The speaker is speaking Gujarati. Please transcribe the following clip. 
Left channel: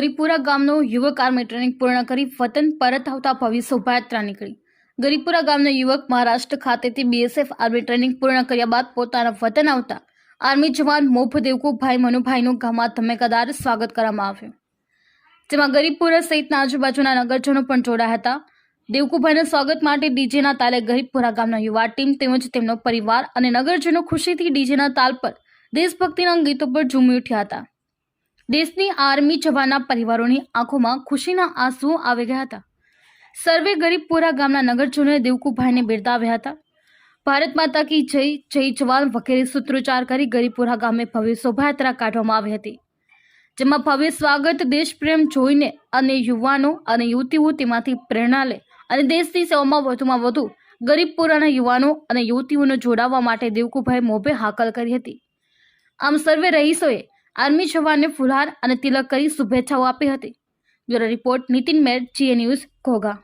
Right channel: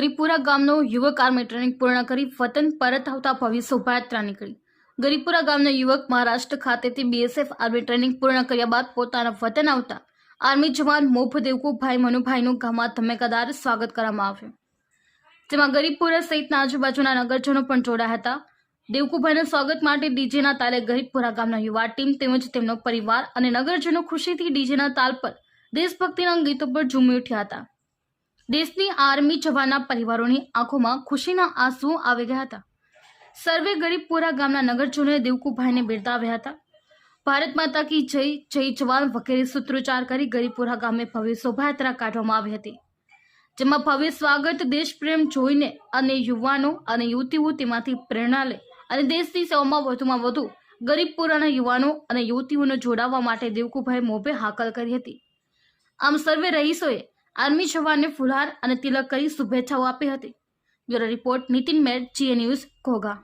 ગરીપુરા ગામનો યુવક આર્મી ટ્રેનિંગ પૂર્ણ કરી વતન પરત આવતા ભવ્ય શોભાયાત્રા નીકળી। ગરીપુરા ગામનો યુવક મહારાષ્ટ્ર ખાતેથી બીએસએફ આર્મી ટ્રેનિંગ પૂર્ણ કર્યા બાદ પોતાના વતન આવતા આર્મી જવાન મોભ દેવકુભાઈ મનુભાઈનું ગામમાં ધમાકેદાર સ્વાગત કરવામાં આવ્યું, જેમાં ગરીપુરા સહિતના આજુબાજુના નગરજનો પણ જોડાયા હતા। દેવકુભાઈના સ્વાગત માટે ડીજેના તાલે ગરીપુરા ગામના યુવા ટીમ તેમજ તેમનો પરિવાર અને નગરજનો ખુશીથી ડીજેના તાલ પર દેશભક્તિના ગીતો પર ઝૂમી ઉઠ્યા હતા। દેશની આર્મી જવાનના પરિવારોની આંખોમાં ખુશીના આંસુ આવી ગયા હતા। સર્વે ગરીપપુરા ગામના નગરજનોએ દેવકુભાઈને બિરદાવ્યા હતા। ભારત માતા કી જય, જય જવાન વગેરે સૂત્રોચ્ચાર કરી ગરીપપુરા ગામે ભવ્ય શોભાયાત્રા કાઢવામાં આવી હતી, જેમાં ભવ્ય સ્વાગત દેશપ્રેમ જોઈને અને યુવાનો અને યુવતીઓ તેમાંથી પ્રેરણા લે અને દેશની સેવામાં વધુમાં વધુ ગરીપપુરાના યુવાનો અને યુવતીઓને જોડાવા માટે દેવકુભાઈ મોભે હાકલ કરી હતી। આમ સર્વે રહીશોએ આર્મી જવાનને ફુલહાર અને તિલક કરી શુભેચ્છાઓ આપી હતી। બ્યુરો રિપોર્ટ નીતિન મેર, GA ન્યૂઝ, ઘોઘા।